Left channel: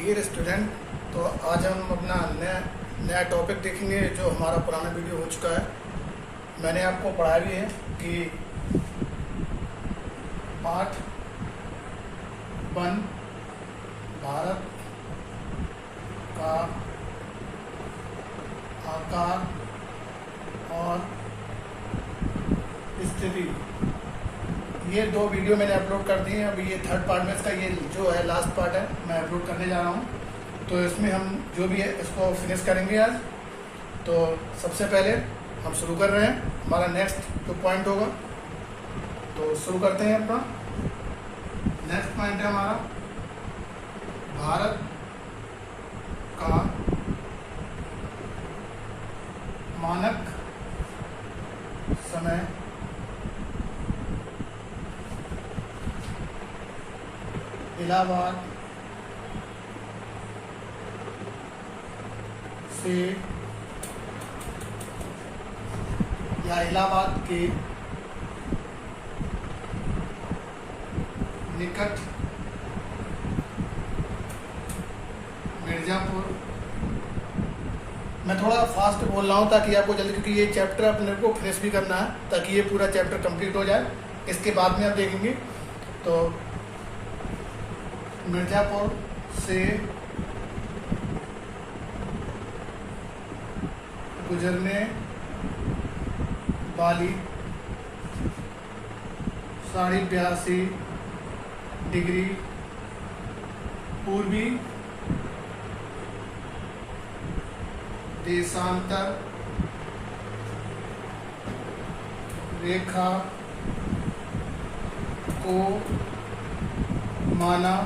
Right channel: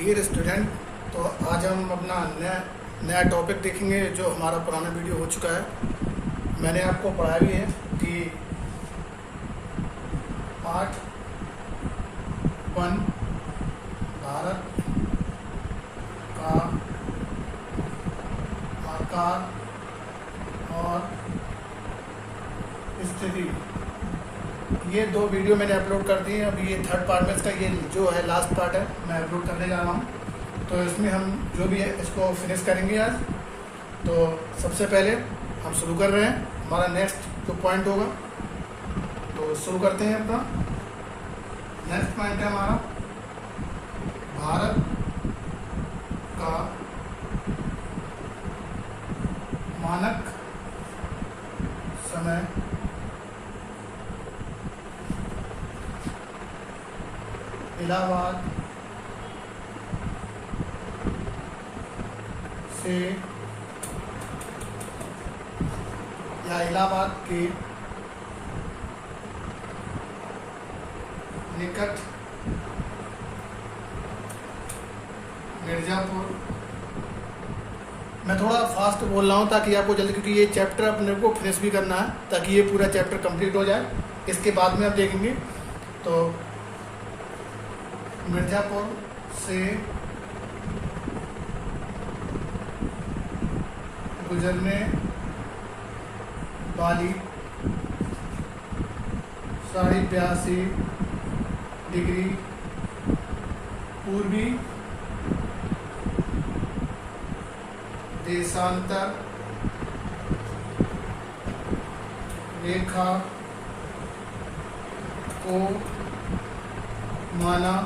Dear student, तो आज हम अपना नया टॉपिक देखेंगे जो हमारा पुराना वीडियो हो चुका है। मैंने आपको पढ़ाया भी है कि पार्ट 1 भारत का आकार और स्थिति, ये 2 वीडियो मैंने अपलोड कर दिए हैं। अभी ये थर्ड पार्ट में इसका ये जो है लास्ट पार्ट है, मैं अपलोड करने जा रहा हूँ। तो इसमें हम जो भी है इसको फिनिश करेंगे आज। तो सबसे पहले हम शुरू कर रहे हैं, हमारा नेक्स्ट जो पॉइंट होगा। तो शुरू करते हैं अपना नेक्स्ट पॉइंट है हमारा भारत का मानक समय इलाहाबाद से या इलाहाबाद के निकट मिर्जापुर। मैं थोड़ा फास्ट बोल रहा हूँ ताकि आपको जल्दी, क्योंकि ये चैप्टर अपने को फिनिश भी करना है ताकि ये पूरा चैप्टर कंप्लीट हो जाए। इसके बाद में आप देखेंगे तो मिर्जापुर से गुजरने वाली 82.5 डिग्री पूर्वी देशांतर रेखा को माना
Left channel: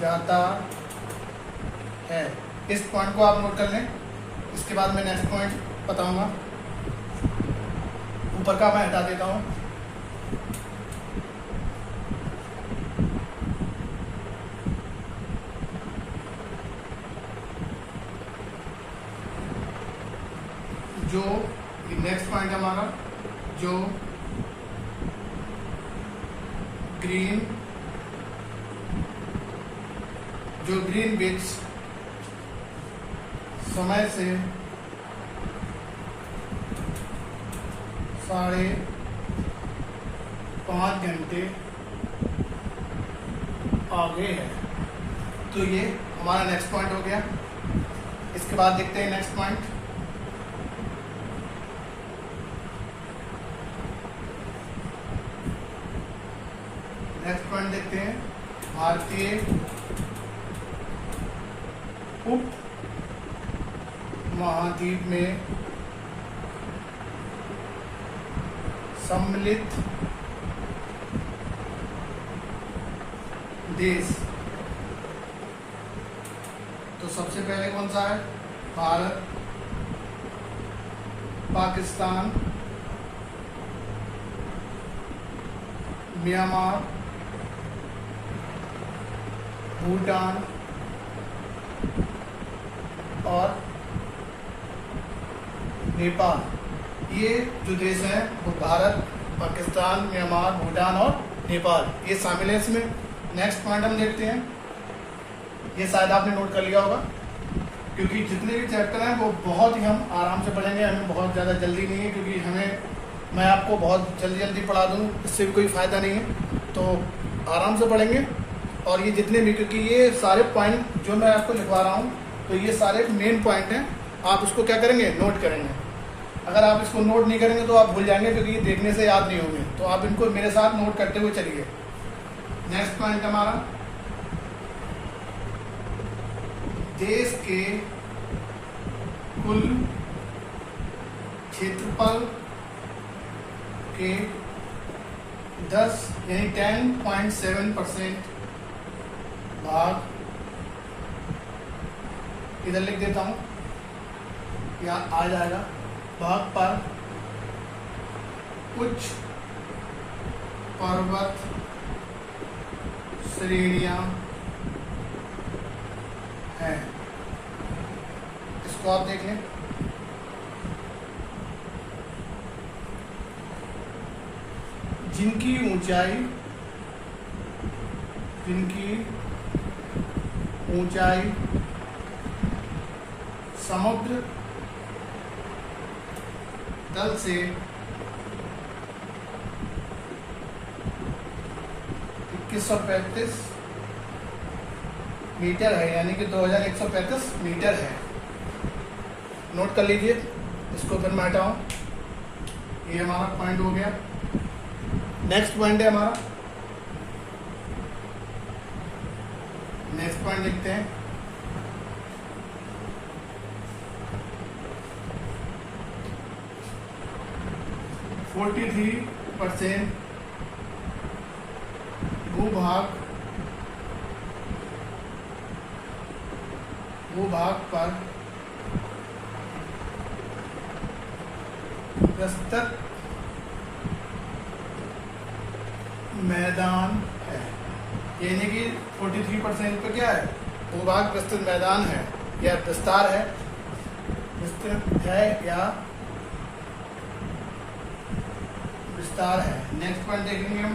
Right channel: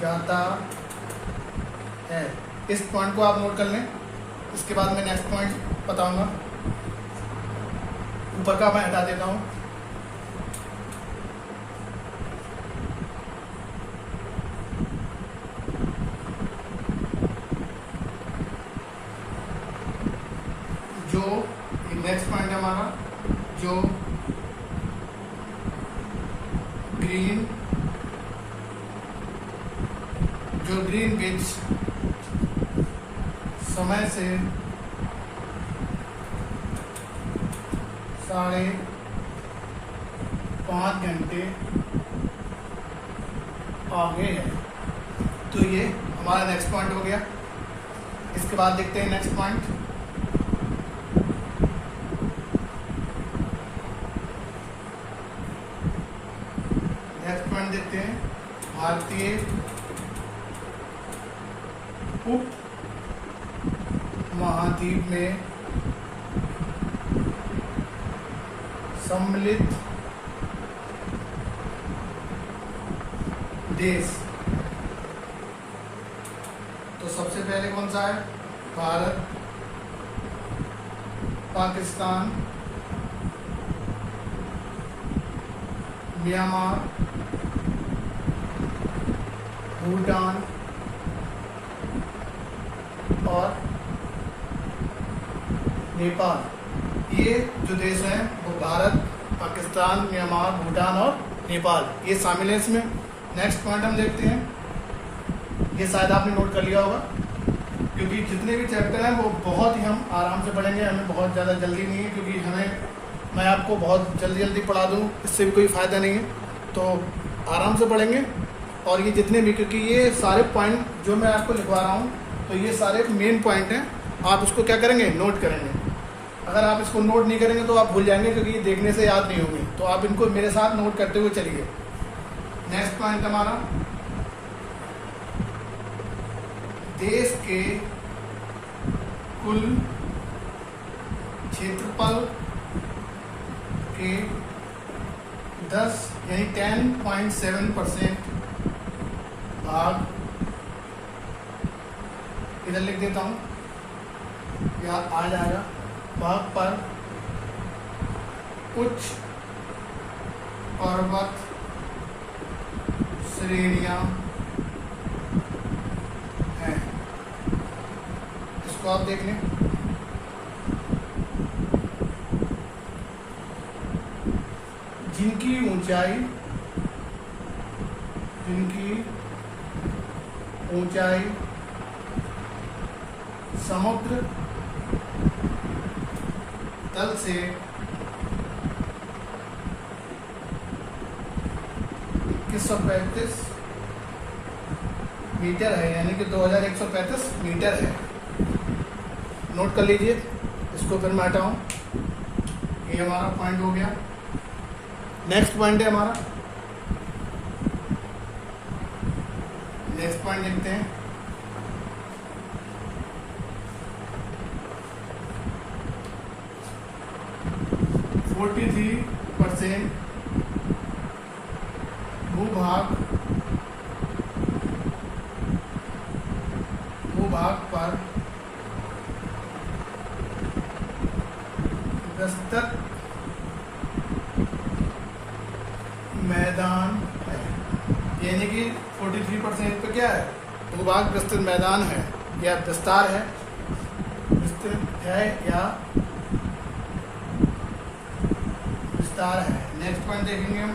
जाता है। इस पॉइंट को आप नोट कर लें। इसके बाद मैं नेक्स्ट पॉइंट बताऊंगा। ऊपर का मैं हटा देता हूं। जो नेक्स्ट पॉइंट है हमारा, जो ग्रीनविच समय से 5.5 घंटे आगे है। तो ये हमारा नेक्स्ट पॉइंट हो गया। इसके बाद देखते हैं नेक्स्ट पॉइंट। नेक्स्ट पॉइंट देखते हैं, भारतीय उप महाद्वीप में सम्मिलित देश। तो सबसे पहले कौन सा है? भारत, पाकिस्तान, म्यांमार, भूटान और नेपाल। ये जो देश हैं वो भारत, पाकिस्तान, म्यांमार, भूटान और नेपाल, ये शामिल है इसमें। नेक्स्ट पॉइंट हम देखते हैं। ये शायद आपने नोट कर लिया होगा, क्योंकि जितने भी चैप्टर हैं वो बहुत ही हम आराम से पढ़ेंगे। हमें बहुत ज़्यादा जल्दी नहीं है, क्योंकि मैं आपको बहुत जल्दी पढ़ा दूँ इससे भी कोई फ़ायदा नहीं है। तो आराम से पढ़ेंगे। और ये जितने भी, क्योंकि ये सारे पॉइंट जो मैं आपको लिखवा रहा हूँ तो ये सारे मेन पॉइंट हैं। आप उसको क्या करेंगे? नोट करेंगे। अगर आप इसको नोट नहीं करेंगे तो आप भूल जाएंगे, क्योंकि ये देखने से याद नहीं होंगे। तो आप इनको मेरे साथ नोट करते हुए चलिए। नेक्स्ट पॉइंट हमारा, देश के कुल क्षेत्रफल के 10.7% भाग, इधर लिख देता हूं, यहाँ आ जाएगा, भाग पर उच्च पर्वत श्रेणियां हैं। इसको आप देख लें। जिनकी ऊंचाई समुद्र तल से 2135 मीटर है, यानी कि 2135 मीटर है। नोट कर लीजिए, इसको फिर मैं हटाऊं। ये हमारा पॉइंट हो गया। नेक्स्ट पॉइंट है हमारा, नेक्स्ट पॉइंट लिखते हैं। %43 भूभाग पर प्रस्तुत मैदान है, यानी कि 43% पे क्या है, भूभाग विस्तृत मैदान है या विस्तार है, विस्तृत है या विस्तार है। नेक्स्ट पॉइंट देखेंगे हम,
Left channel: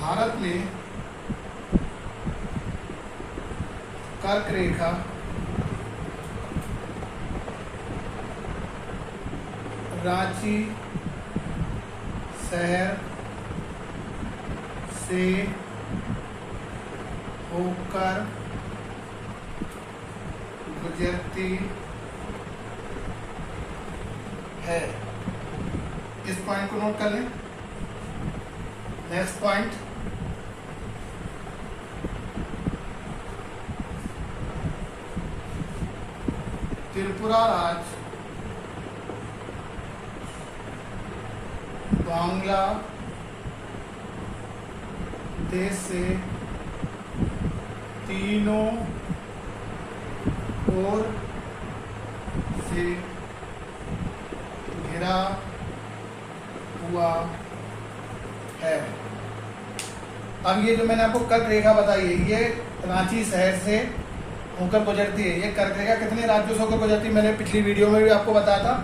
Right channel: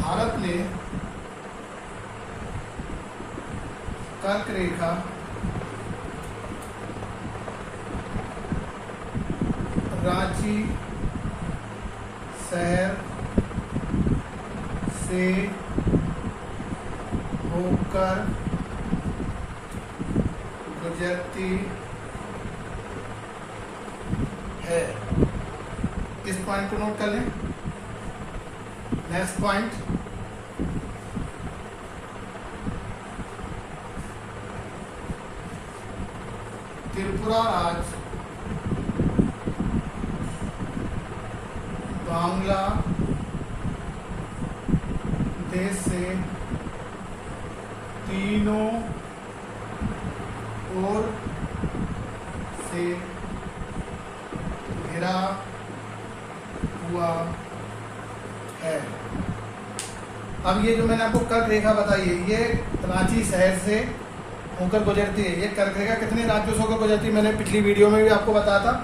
भारत ने कर्क रेखा रांची शहर से होकर गुजरती है। इस पॉइंट को नोट कर लें। नेक्स्ट पॉइंट, त्रिपुरा राज्य बांग्लादेश से तीनों ओर से घिरा हुआ है। अब ये जो मैंने आपको कर्क रेखा बताई है, ये रांची शहर से होकर गुजरती है। ये कर्क रेखा कितने राज्यों से होकर गुजरती है, मैंने पिछली वीडियो में भी आपको बताया था।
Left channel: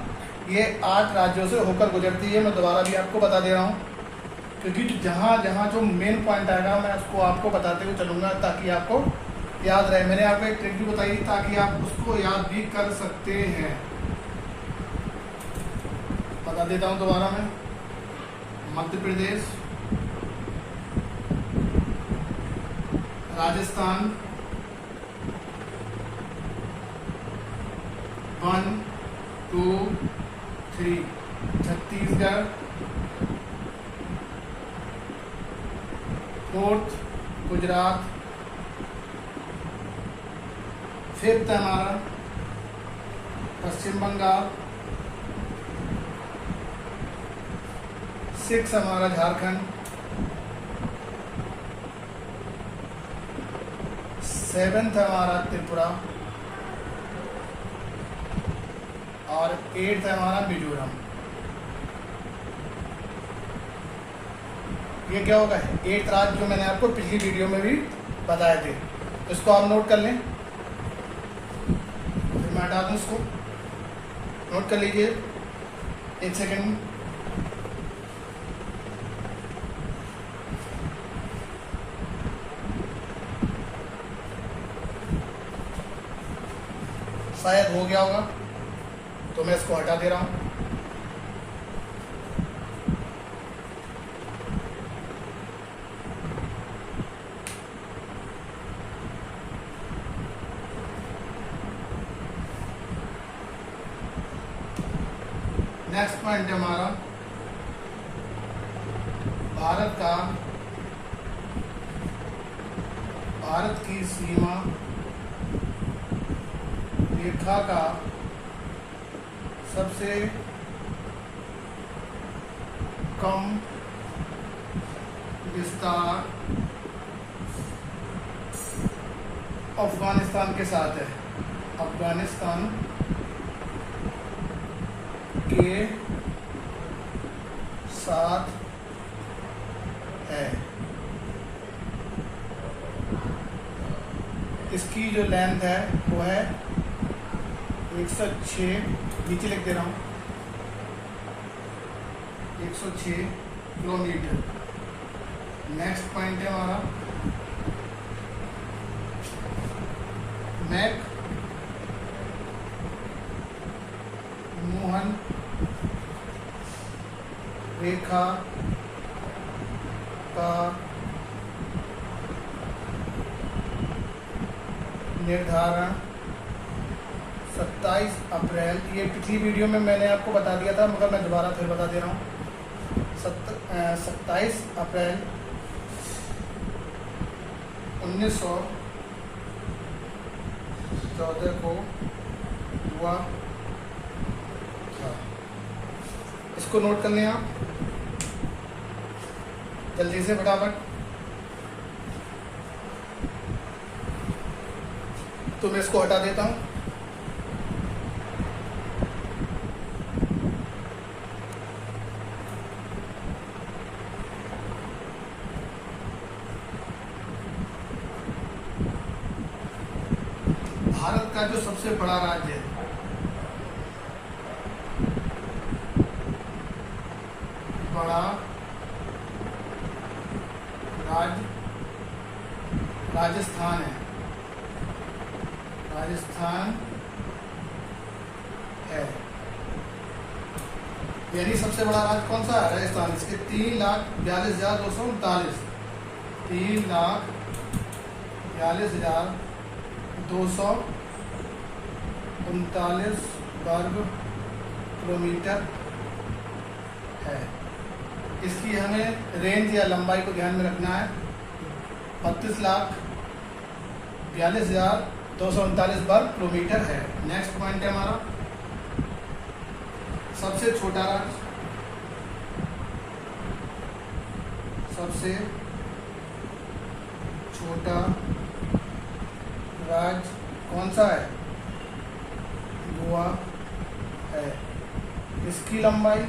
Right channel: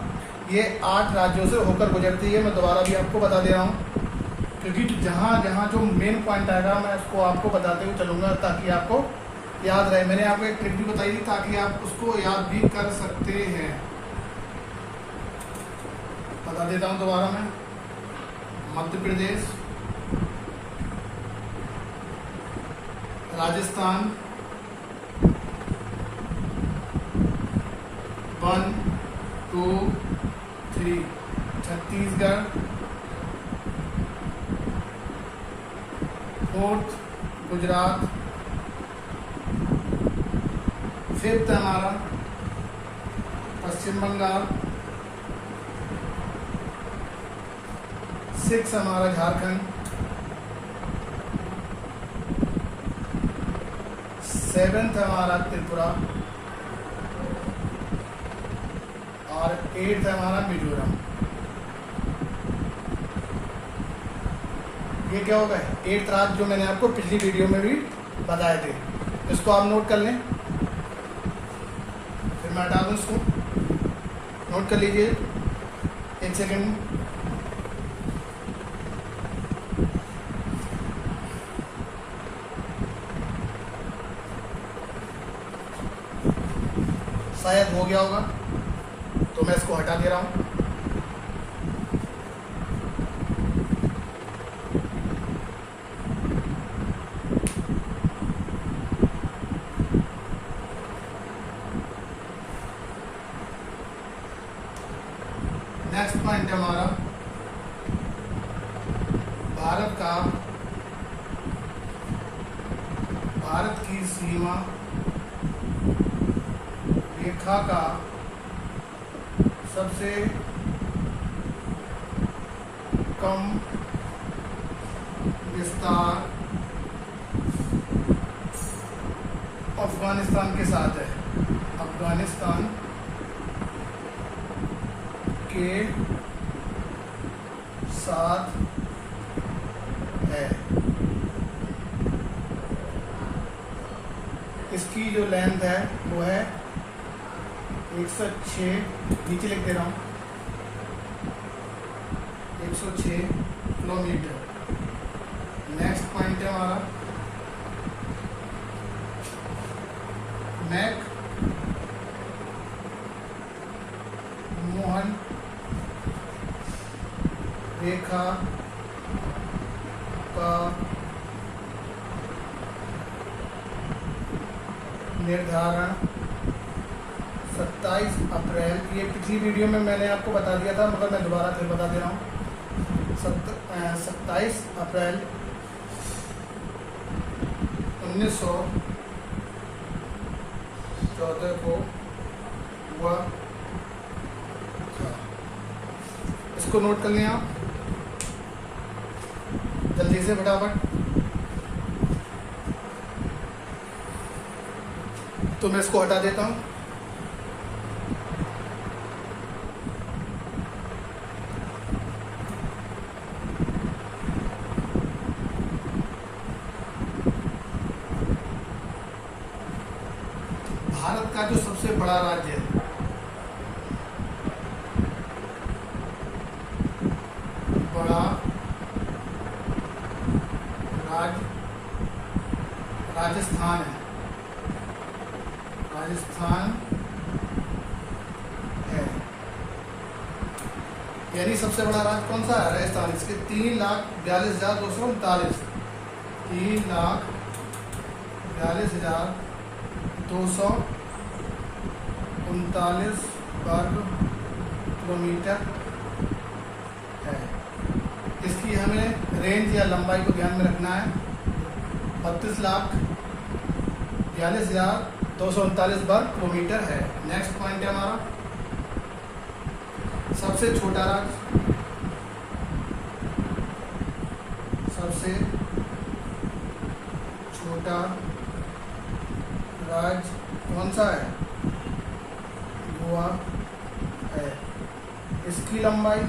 ये 8 राज्यों से होकर गुजरती है। मैं दोबारा भी आपको बता दे रहा हूँ, क्योंकि जहाँ जहाँ जो मेन पॉइंट आएगा मैं उसको आपको बताते हुए चलूंगा, ताकि आपको याद रहे। मैंने आपको एक ट्रिक भी बताई थी, ताकि आप उसको याद भी कर सकते हैं। बता देता हूँ दोबारा मैं, मध्य प्रदेश, राजस्थान, 1 2 3, छत्तीसगढ़, 4th गुजरात, 5th हमारा पश्चिम बंगाल, 6th हमारा झारखंड, 7th हमारा त्रिपुरा और 8th हमारा मिजोरम। ये क्या होगा, 8th राज्य जो मैंने आपको पिछली वीडियो में भी बताए थे। इसको आप नोट कर लें, फिर मैं हटा दूं इसको। नोट कर लीजिए, 1 सेकेंड। शायद हो गया होगा, तो मैं इसको हटा दे रहा हूं। नेक्स्ट पॉइंट है हमारा, भारत की सीमा रेखा का सबसे कम विस्तार अफगानिस्तान के साथ है। अफगानिस्तान के साथ है। इसकी जो लेंथ है वो है 106, नीचे लिख दे रहा हूँ, 106 किलोमीटर। नेक्स्ट पॉइंट है हमारा रेखा का निर्धारण 27 अप्रैल, ये पिछली वीडियो में मैंने आपको बता दिया था मगर मैं दोबारा फिर बता दे रहा हूँ। 27 अप्रैल 1914 को हुआ था। इसको नोट कर लें आप जल्दी से फटाफट। तो मैं इसको हटा देता हूं। भारत का जो सबसे बड़ा राज्य है, बड़ा राज्य राजस्थान है। राजस्थान है, यानी सबसे बड़ा राज्य कौन सा है? राजस्थान। इसके 3,42,239 3,42,239 वर्ग किलोमीटर है। इसकी हमें रेंज या लंबाई को ध्यान में रखना है। 32,42,239 वर्ग किलोमीटर है। नेक्स्ट पॉइंट है हमारा सबसे छोटा राज्य। सबसे छोटा राज्य कौन सा है? गोवा है। इसकी लंबाई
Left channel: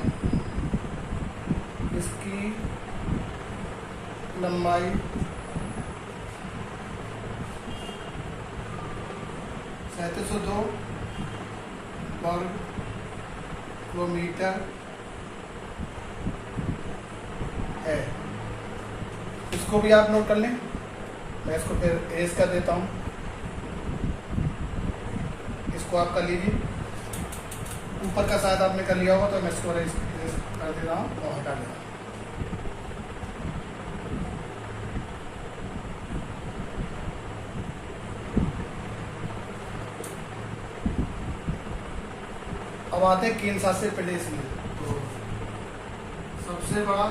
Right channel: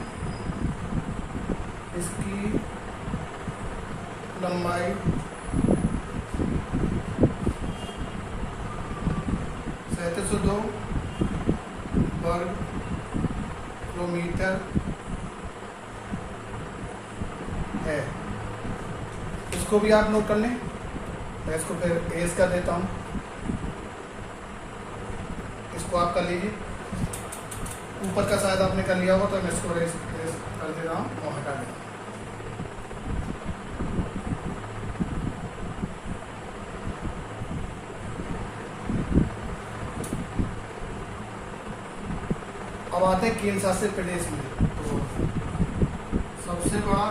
3702 वर्ग किलोमीटर है। इसको भी आप नोट कर लें। मैं इसको फिर एज कर देता हूं। इसको आप कर लीजिए। ऊपर का शायद आपने कर लिया होगा, तो मैं इसको एज कर दे रहा हूं और हटा दे रहा हूं। अब आते हैं केंद्र शासित प्रदेश में। तो सबसे बड़ा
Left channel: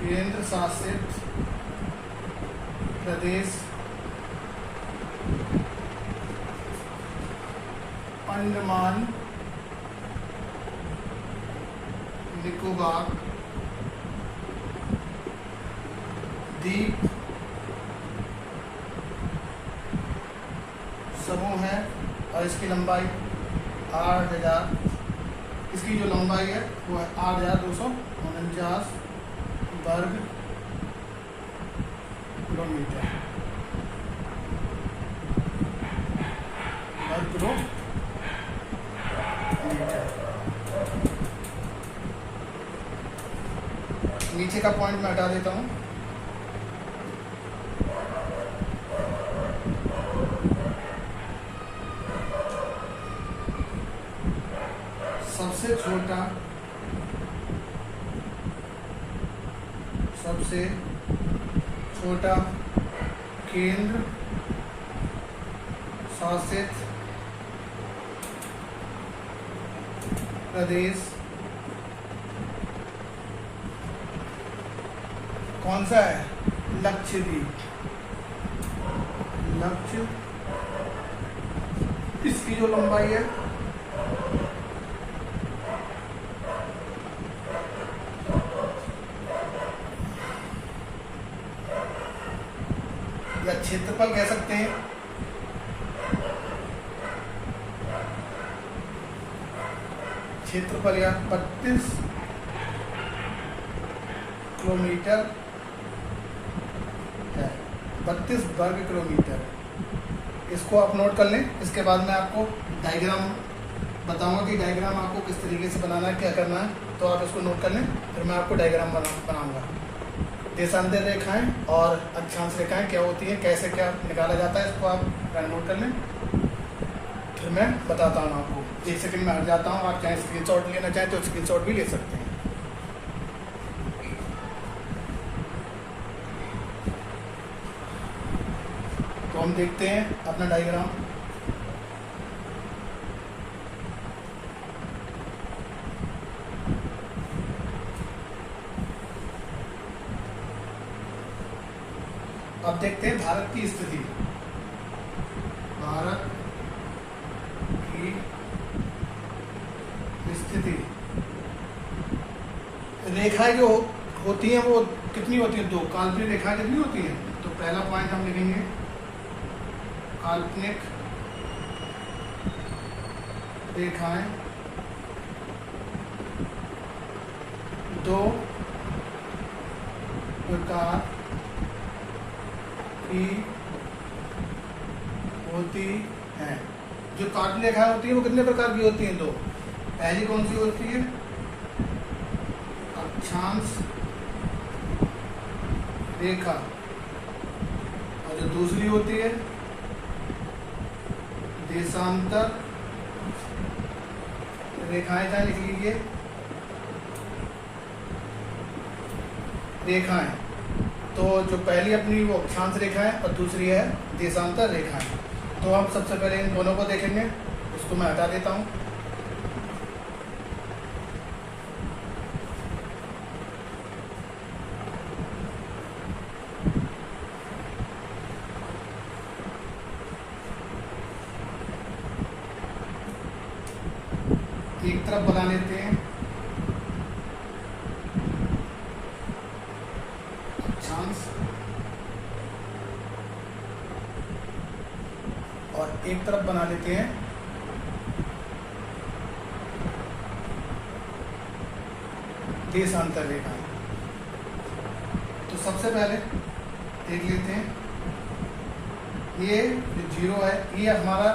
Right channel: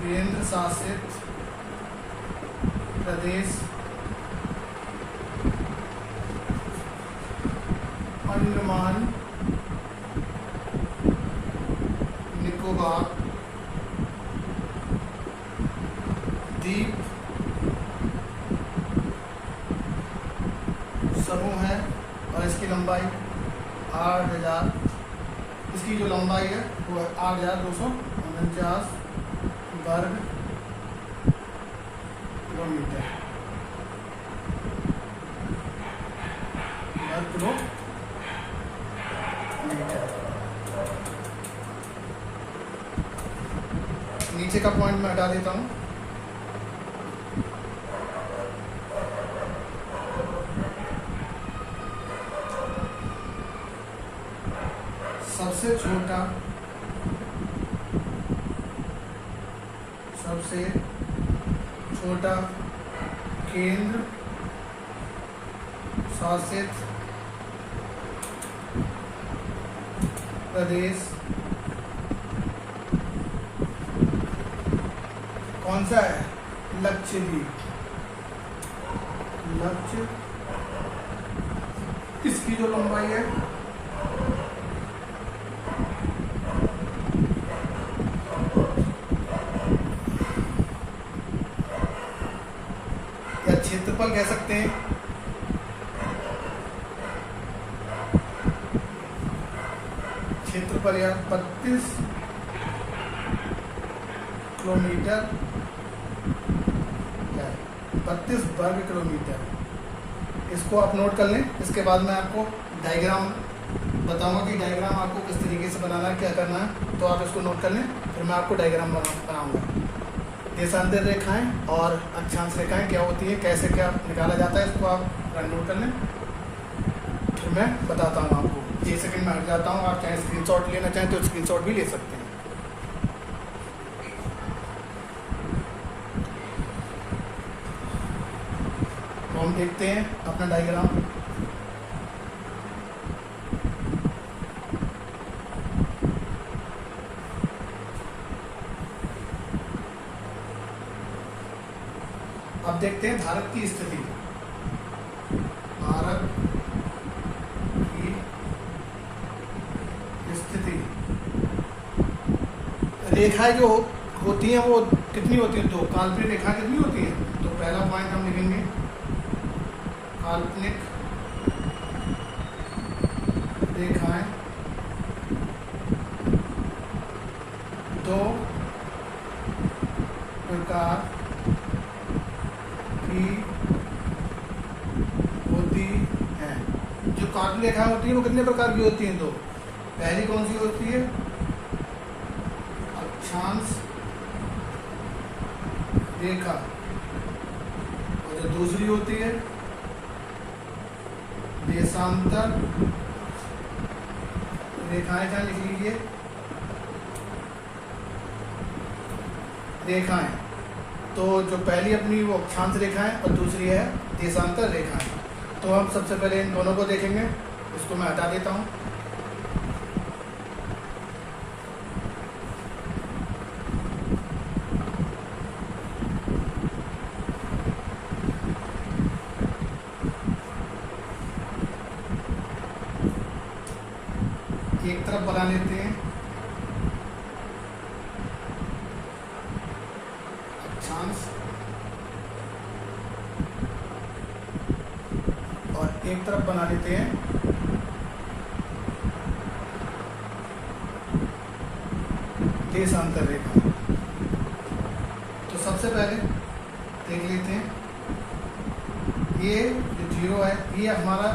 केंद्र शासित प्रदेश अंडमान निकोबार द्वीप समूह है और इसकी लंबाई 8,000, इसकी जो लंबाई है वो है 8,249 वर्ग किलोमीटर। नीचे का पॉइंट मैं हटा देता हूं। सबसे छोटा केंद्र शासित प्रदेश कौन सा है? लक्षद्वीप। इसकी जो लंबाई है या क्षेत्रफल कह सकते हैं, क्षेत्रफल या 32 किलोमीटर, 32 वर्ग किलोमीटर। इसको आप नोट कर लें। इसके बाद मैं आपको डायग्राम बताऊंगा कि डायग्राम आपको किस तरीके से बनाना है, क्या करना है। तो आप इसको नोट कर लें, फिर मैं आपको डायग्राम बनाऊंगा। देशांतर रेखाएं और अक्षांश रेखाएं क्या होती है, कैसे क्या निकाला जाता है, इसको आप नोट कर लें। फिर मैं बताता हूँ आपको। 1 सेकंड में हट जाता हूँ। आप चाहे स्क्रीनशॉट लेना चाहें तो स्क्रीनशॉट भी ले सकते हैं। तो हम देखते हैं अपना डायग्राम। अब देखते हैं भारत की स्थिति। भारत की स्थिति, रेखाएं जो होती हैं वो कितनी होती है, 2 काल्पनिक रेखाएं कितनी होती है। तो पहला पॉइंट हम लिखेंगे काल्पनिक रेखाएं 2 प्रकार की होती है। जो काल्पनिक रेखाएं होती है वो कितने प्रकार की होती हैं, 2। पहली कौन सी होती है, अक्षांश रेखा, और जो दूसरी होती है देशांतर रेखाएं। क्या लिख लीजिए, रेखाएं। तो जो पहली अपनी वो अक्षांश रेखाएं और दूसरी है देशांतर रेखाएं। तो हम सबसे पहले इन दोनों को देखेंगे। इसको मैं हटा देता हूं। एक तरफ बना लेते हैं अक्षांश और एक तरफ बना लेते हैं देशांतर रेखा। तो सबसे पहले देख लेते हैं, ये जो 0 है ये हमारा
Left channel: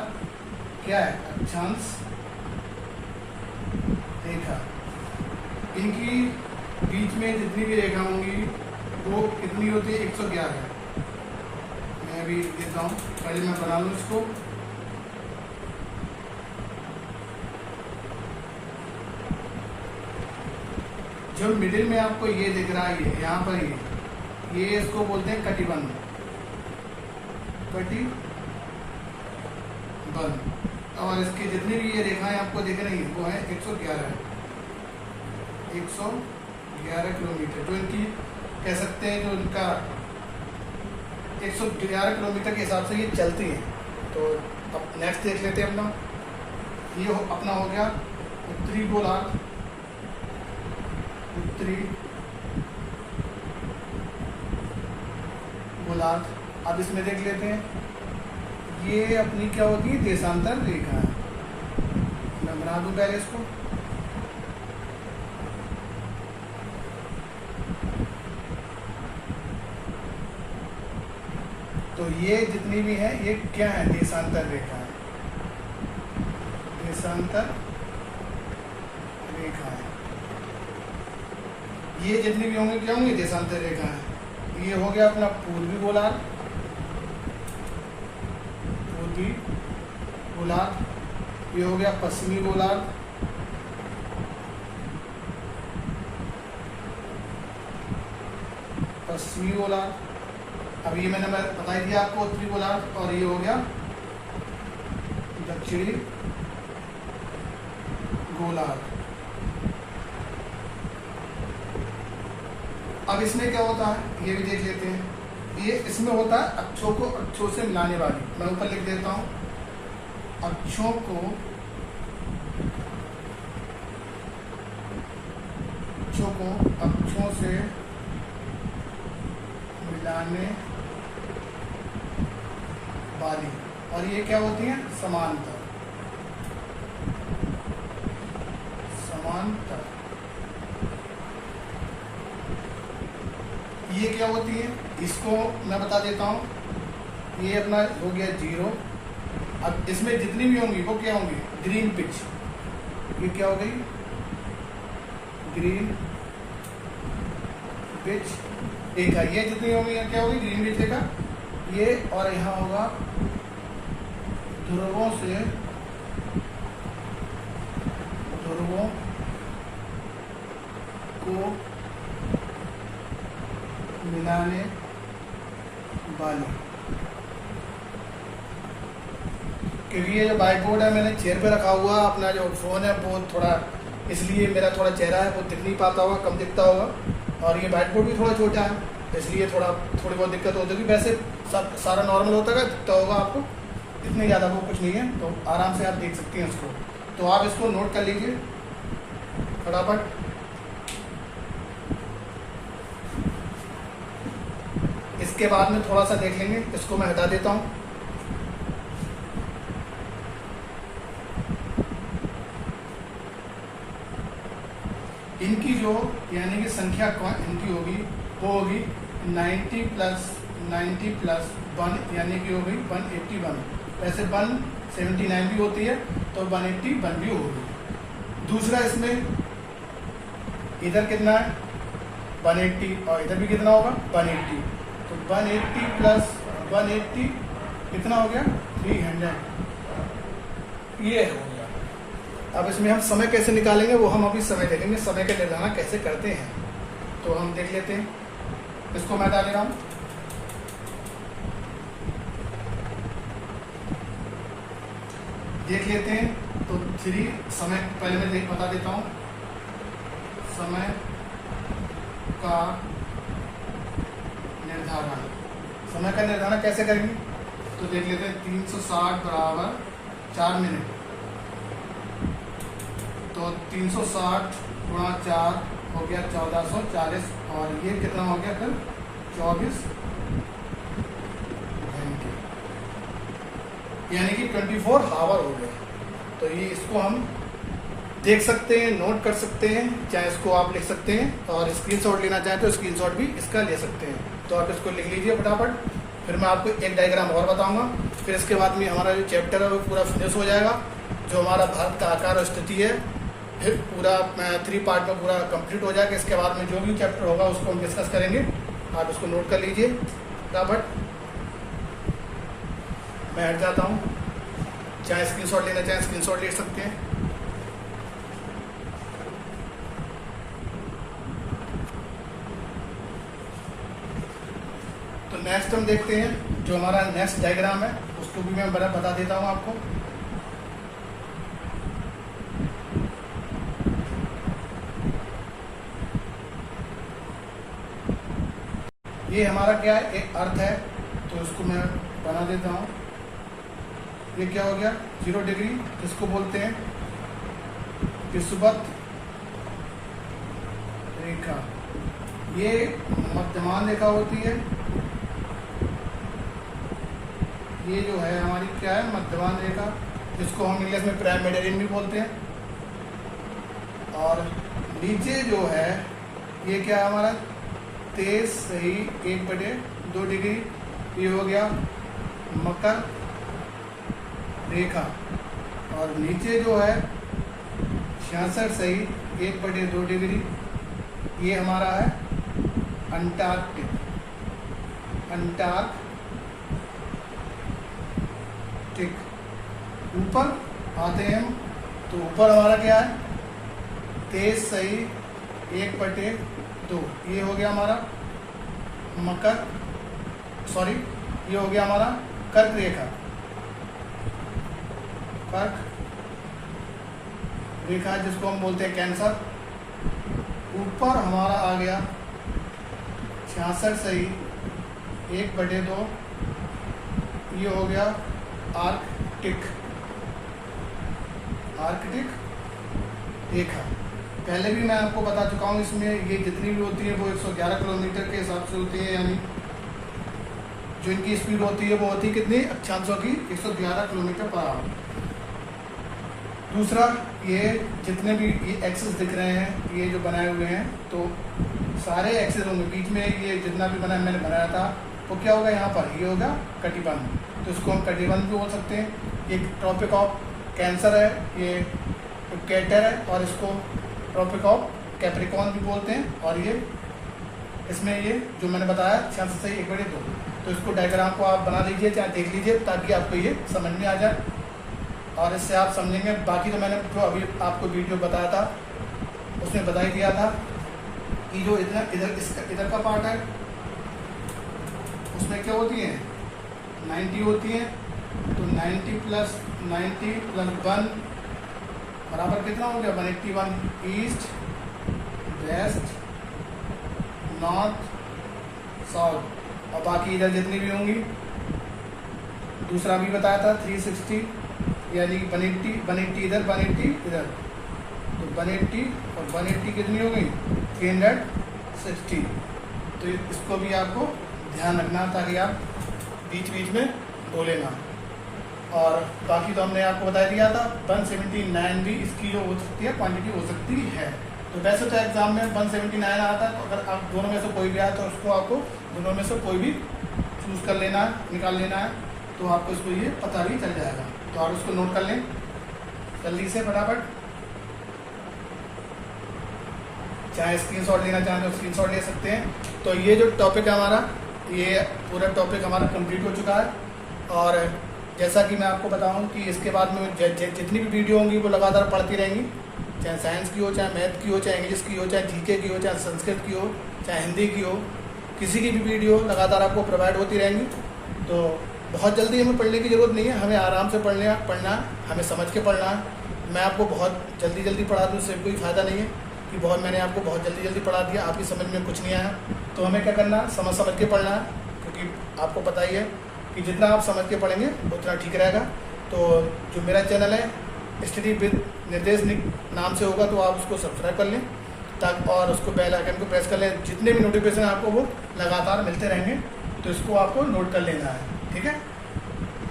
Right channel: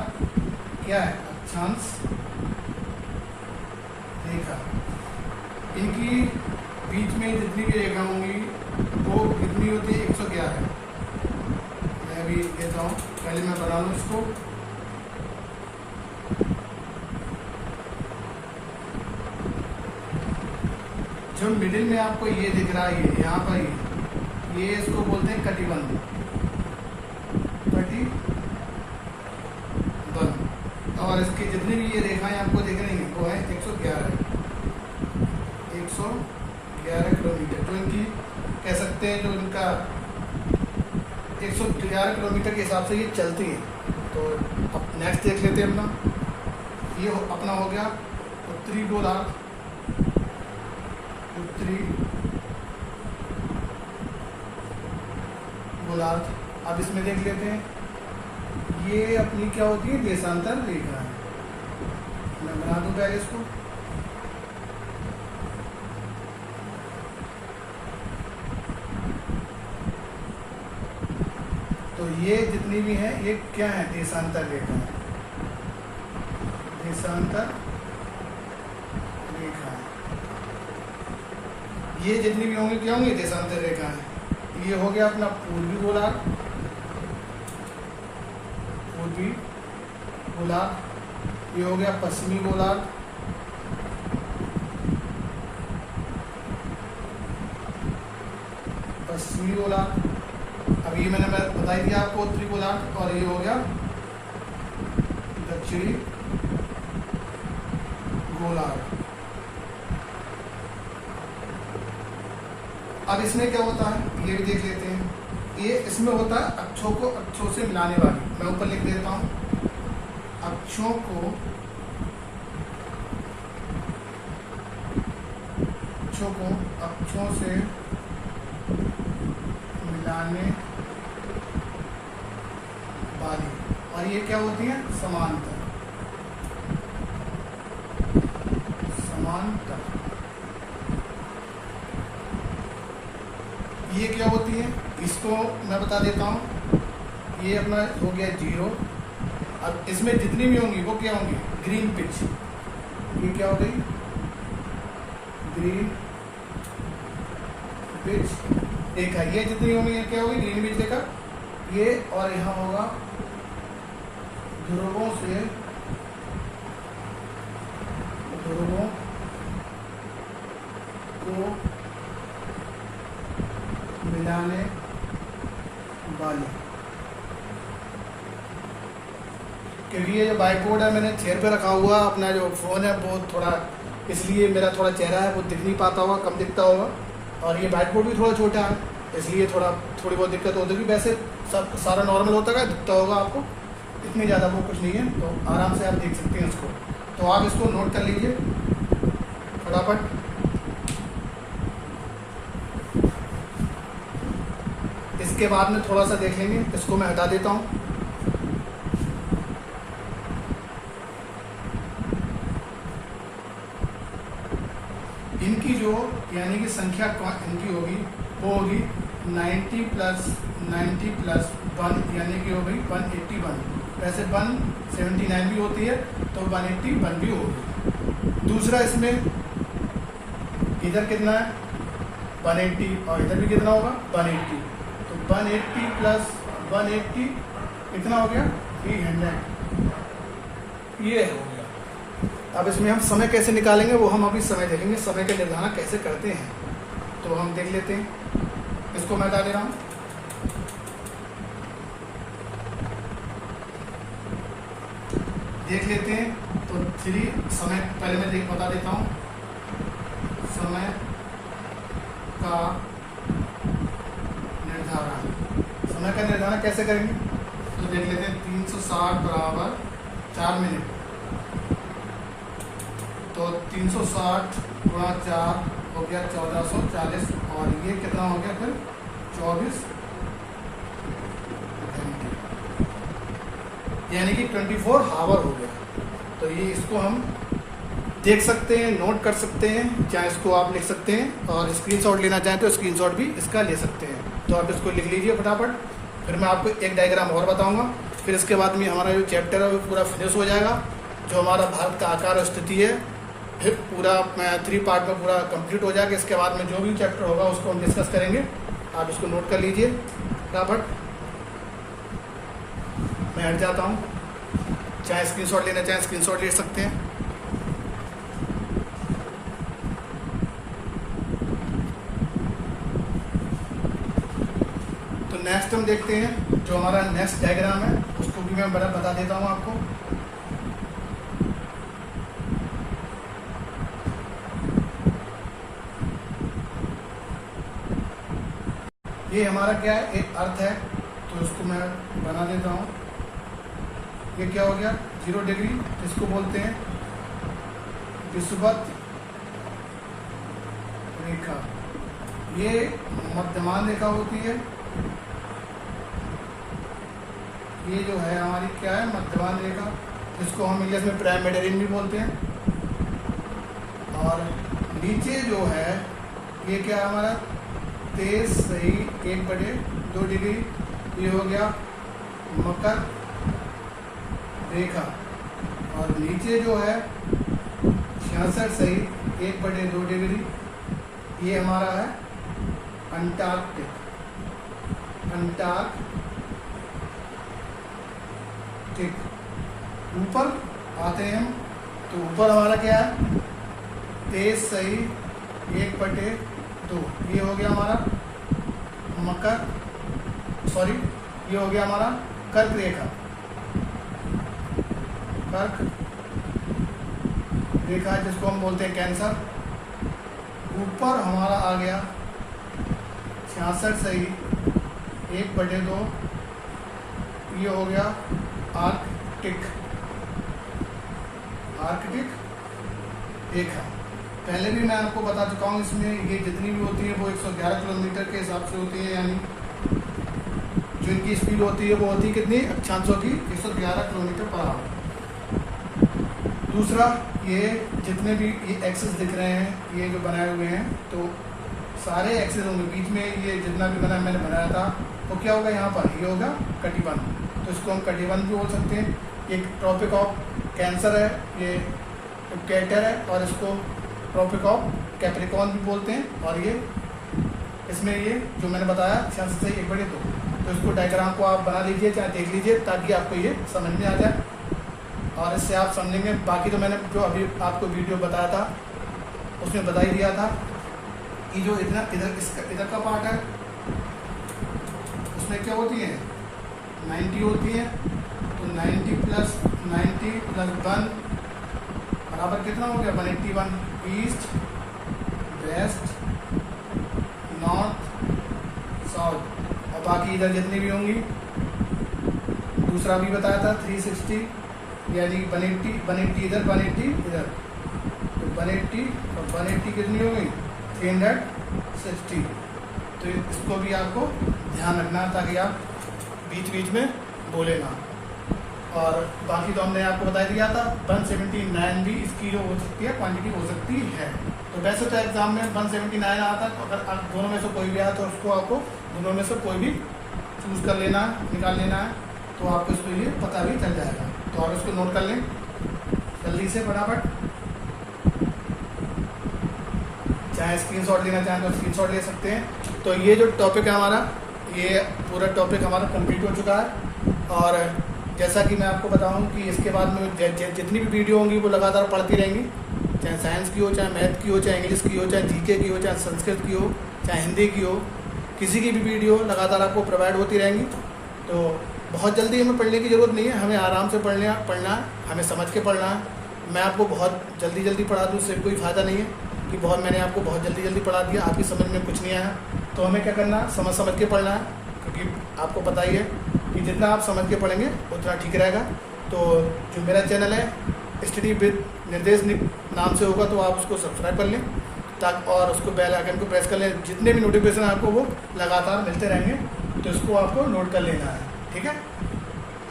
क्या है, अक्षांश रेखा। इनकी बीच में जितनी भी रेखा होंगी वो कितनी होती है, 111। मैं भी देता हूँ, पहले मैं बना लूँ इसको। जो मिडिल में आपको ये दिख रहा है, यहाँ पर ये इसको बोलते हैं कटिबंध। कटिबंध। और इसकी जितनी भी ये रेखाएं आपको दिख रही हैं वो है 111 किलोमीटर। तो इनकी कह सकते हैं जो इनका 111 किलोमीटर के हिसाब से ये चलती है। तो अब नेक्स्ट देख लेते हैं अपना। ये अपना हो गया उत्तरी गोलार्ध। उत्तरी गोलार्ध। अब इसमें देख लेते हैं, ये अपनी क्या होती है, देशांतर रेखा है। मैं बना दूं पहले इसको। तो ये जितनी भी है ये क्या है, देशांतर रेखा है। देशांतर रेखा है। ये जितनी भी होंगी क्या होंगी, देशांतर रेखा है। ये हो गया अपना पूर्वी गोलार्ध। पूर्वी गोलार्ध। ये हो गया पश्चिमी गोलार्ध। पश्चिमी गोलार्ध। अब ये मैंने बताई दिया आपको उत्तरी गोलार्ध। और ये हो गया दक्षिणी गोलार्ध। अब इसमें क्या होता है ये भी देख लेते हैं। ये इसमें होता है अक्षों को अक्षों से मिलाने वाली। मैं ऊपर लिख देता हूं, अक्षों को अक्षों से मिलाने वाली। और ये क्या होती है, समांतर। समांतर ये क्या होती है, इसको मैं बता देता हूं। ये अपना हो गया 0। अब इसमें जितनी भी होंगी वो क्या होंगी, ग्रीन पिच। ये क्या हो गई, ग्रीन पिच। रेखा, ये जितनी होगी क्या होगी ग्रीनविच रेखा, ये, और यहाँ होगा ध्रुवों से ध्रुवों को मिलाने वाली, क्योंकि ये जो बाइकोड है मैंने चेयर पे रखा हुआ, अपना जो फ़ोन है वो थोड़ा, इसलिए मेरा थोड़ा चेहरा है वो दिख नहीं पाता होगा, कम दिखता होगा, और ये बाइक बोर्ड भी थोड़ा छोटा है, इसलिए थोड़ी बहुत दिक्कत होती है। वैसे सारा नॉर्मल होता है, दिखता होगा आपको, इतनी ज़्यादा वो कुछ नहीं है, तो आराम से आप देख सकते हैं इसको। तो आप इसको नोट कर लीजिए फटाफट। इसके बाद में थोड़ा सा देख लेंगे, इसको मैं हटा देता हूँ। इनकी जो यानी कि संख्या इनकी होगी वो होगी 90 प्लस 1 यानी कि हो गई 181। वैसे 179 भी होती है तो 181 भी होगी। दूसरा इसमें इधर कितना है 180 और इधर भी कितना होगा 180, तो 180 प्लस 180 कितना हो गया 300, ये हो गया। अब इसमें हम समय कैसे निकालेंगे वो हम अभी समय देखेंगे, समय का निर्धारण कैसे करते हैं, तो हम देख लेते हैं। इसको मैं डाल रहा हूँ, देख लेते हैं। तो 3 समय पहले मैं बता देता हूँ, समय का निर्धारण, समय का निर्धारण कैसे करेंगे तो देख लेते हैं। 360 बराबर 4 मिनट, तो 360 गुणा 4 हो गया 1440, और ये कितना हो गया फिर 24 घंटे, यानी कि 24 आवर हो गया। तो ये इसको हम देख सकते हैं, नोट कर सकते हैं, चाहे इसको आप लिख सकते हैं, और स्क्रीनशॉट लेना चाहें तो स्क्रीनशॉट भी इसका ले सकते हैं। तो आप इसको लिख लीजिए फटाफट, फिर मैं आपको एक डायग्राम और बताऊंगा, फिर इसके बाद में हमारा जो चैप्टर है वो पूरा फिनिश हो जाएगा। जो हमारा भारत का आकार और स्थिति है फिर पूरा 3 पार्ट में पूरा कंप्लीट हो जाएगा। इसके बाद में जो भी चैप्टर होगा उसको हम डिस्कस करेंगे, आप इसको नोट कर लीजिए फटाफट। मैं हट जाता हूँ, चाहे स्क्रीनशॉट लेना चाहे स्क्रीनशॉट ले सकते हैं। तो नेक्स्ट हम देखते हैं, जो हमारा नेक्स्ट डायग्राम है उसको भी मैं बता देता हूँ आपको। ये हमारा क्या है, एक अर्थ है, तो इसको मैं बना देता हूँ। ये क्या हो गया 0 डिग्री, इसको बोलते हैं विषुवत रेखा। ये मध्यमान रेखा होती है, ये जो है हमारी क्या है मध्यमान रेखा, जिसको हम इंग्लिश में प्राइम मेडियन भी बोलते हैं। और नीचे जो है ये क्या है हमारा 23 सही 1/2 डिग्री, ये हो गया मकर रेखा। और नीचे जो है 66 सही 1/2 डिग्री, ये हमारा है अंटार्कटिक। ऊपर आते हैं हम, तो ऊपर हमारा क्या है 23 सही 1/2, ये हो गया हमारा ये हो गया हमारा कर्क रेखा। कर्क रेखा जिसको हम बोलते हैं कैंसर। ऊपर हमारा आ गया 66 सही 1/2, ये हो गया आर्कटिक रेखा। पहले भी मैं आपको बता चुका हूँ, इसमें ये जितनी भी होती है वो 111 किलोमीटर के हिसाब से होती है, यानी जो इनकी स्पीड होती है वो होती है कितनी अक्षांशों की 111 किलोमीटर पर आवर। दूसरा, ये जितने भी ये एक्सेस दिख रहे हैं ये जो बनाए हुए हैं, तो सारे एक्सेस होंगे बीच में। ये जितना भी मैंने बनाया था वो क्या होगा यहाँ पर, ये होगा कटिबंध, तो इसको हम कटिबंध भी बोल सकते हैं। ये ट्रॉपिक ऑफ कैंसर है, ये इक्वेटर है, और इसको ट्रॉपिक ऑफ कैप्रिकॉर्न भी बोलते हैं, और ये इसमें ये जो मैंने बताया 66/1/2, तो इसको डायग्राम को आप बना लीजिए चाहे देख लीजिए ताकि आपको ये समझ में आ जाए और इससे आप समझेंगे। बाकी तो मैंने जो अभी आपको वीडियो बताया था उसमें बता ही दिया था कि जो इधर का पार्ट है उसमें क्या होती है 90 होती है, तो 90 + 90 + 1 बराबर कितना हो गया 181 ईस्ट वेस्ट नॉर्थ साउथ। और बाकी इधर जितनी भी होंगी दूसरा भी बताया था 360 यानी 180 इधर 180 इधर, तो 180 और 180 कितनी हो गई 360। तो इसको भी आपको ध्यान रखना ताकि आप बीच बीच में बोले ना। और बाकी तो हमने आपको बता दिया था 179 भी इसकी जो हो सकती है क्वांटिटी हो सकती है। तो वैसे तो एग्जाम में 179 आता है, तो अगर आप दोनों में से कोई भी आया तो उसको आपको दोनों में से कोई भी चूज कर लेना है, निकाल लेना है, तो आपको इसको ये पता भी चल जाएगा। तो आप उसको नोट कर लें जल्दी से फटाफट, चाहे स्क्रीनशॉट लेना चाहें तो स्क्रीनशॉट ले सकते हैं। तो ये जो टॉपिक है हमारा, ये पूरा टॉपिक हमारा कंप्लीट हो चुका है। और जैसा कि मैं आपको बताऊं कि इसके बाद में जितनी भी वीडियो होंगी वो लगातार पढ़ती रहेंगी, चाहे साइंस की हो, चाहे मैथ की हो, चाहे इंग्लिश की हो, चाहे जीके की हो, चाहे संस्कृत की हो, चाहे हिंदी की हो, किसी की भी वीडियो लगातार आपको प्रोवाइड होती रहेंगी। तो बहुत जल्दी हमें पढ़ने की ज़रूरत नहीं है, हमें आराम से पढ़ना है, हमें समझ के पढ़ना है। मैं आपको बहुत जल्दी पढ़ा दूँ उससे कोई फ़ायदा नहीं है कि मैंने आपको बहुत जल्दी पढ़ा दिया, आपकी समझ में कुछ नहीं आया। तो हमें क्या करना है, समझ के पढ़ना है, क्योंकि आपको पता ही है कि जितना आप समझ के पढ़ेंगे उतना ठीक रहेगा। तो जो मेरा चैनल है स्टडी विद निर्देश नाम से होगा, तो आप उसको सब्सक्राइब कर लें ताकि और उसको बेल आइकन को प्रेस कर लें, जितने भी नोटिफिकेशन आपको वो लगातार मिलते रहेंगे। तो इसको आपको नोट कर लेना है, ठीक है,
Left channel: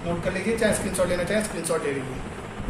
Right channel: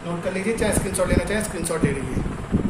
नोट कर लीजिए, चाहे स्क्रीनशॉट लेना चाहें स्क्रीनशॉट ले लीजिए।